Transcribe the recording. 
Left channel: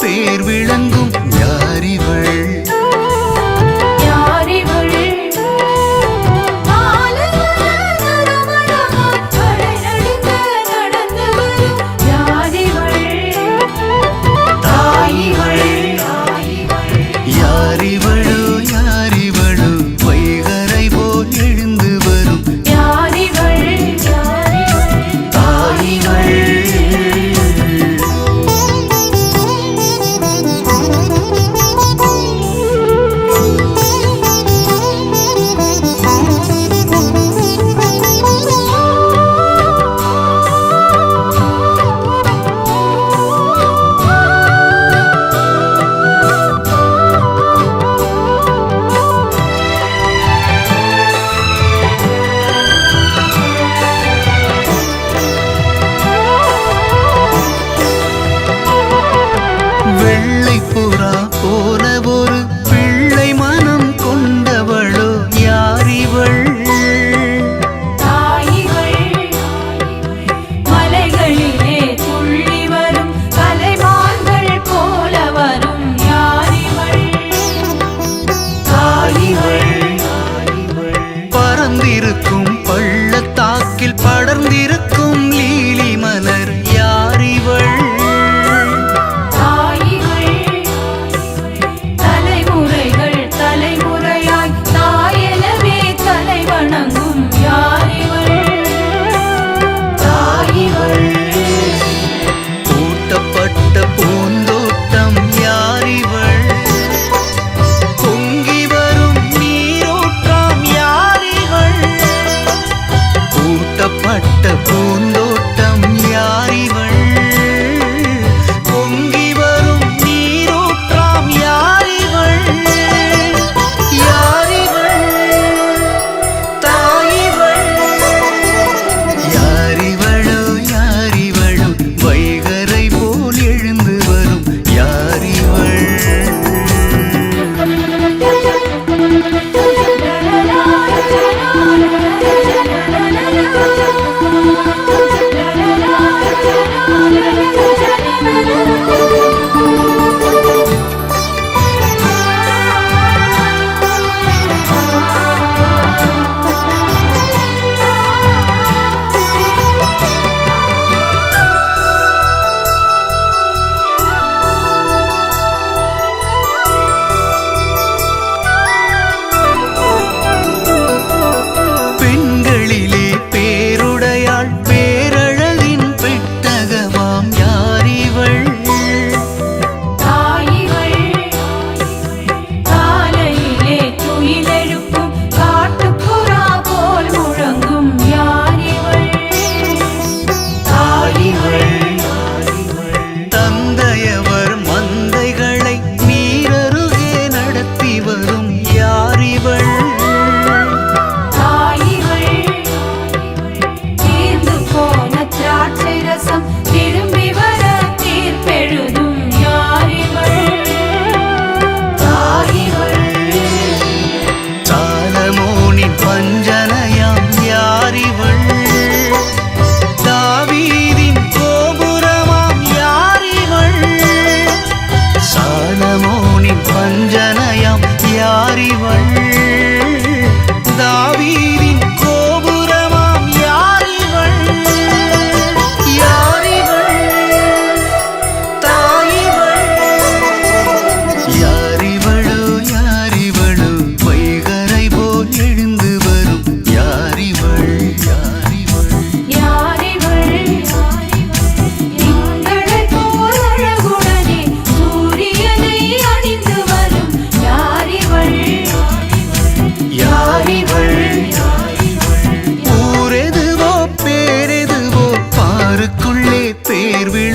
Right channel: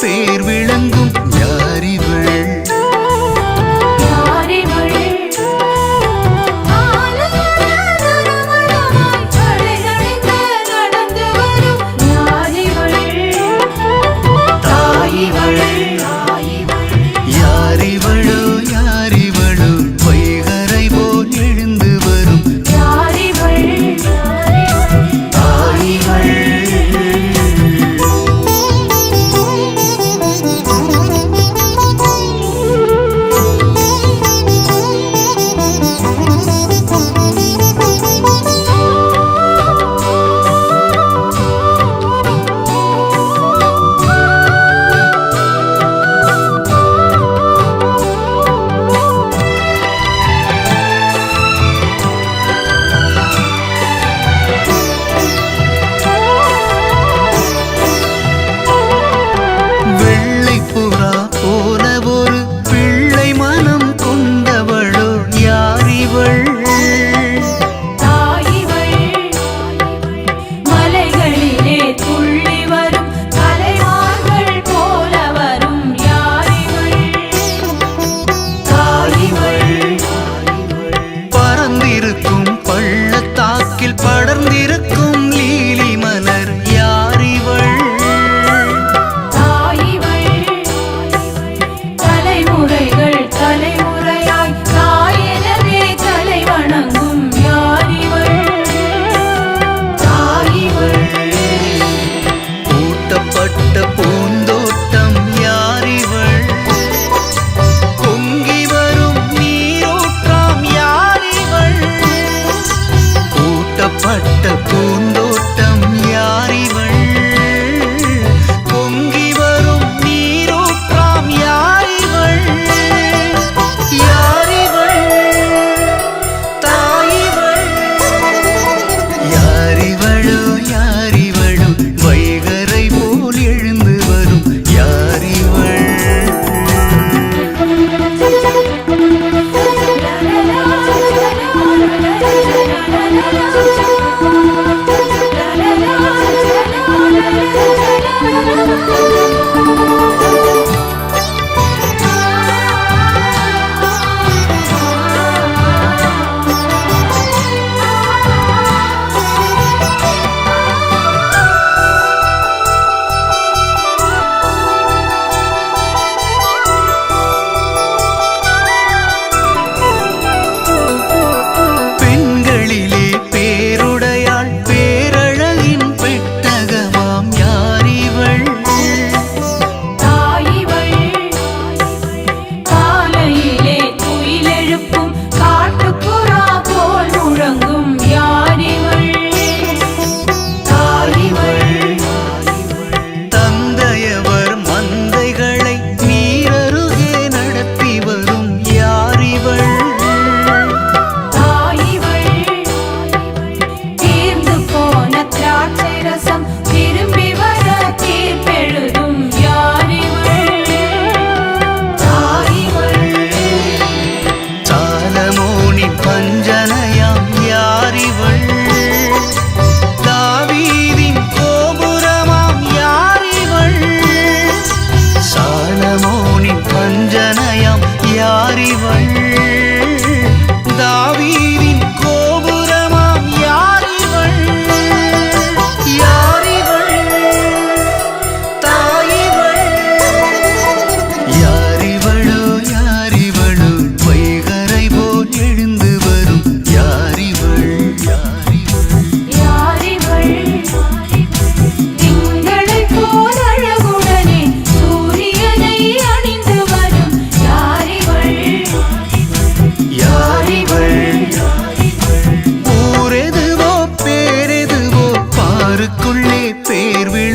பேர் விளங்கும் யாரிவள் வெள்ளை புறா போல ஒரு பிள்ளை மனம் கொண்டவளோ யார் இவள் பறந்திருக்கும் பள்ளத்தாக்கில் படர்ந்திருக்கும் லீலி மன யாரிவள் தாவீதின் கோபுரமாம் யாரிவள்? யாரிவள்? தாயிவள்? யார் யாருக்குள்ளே பேர் விழ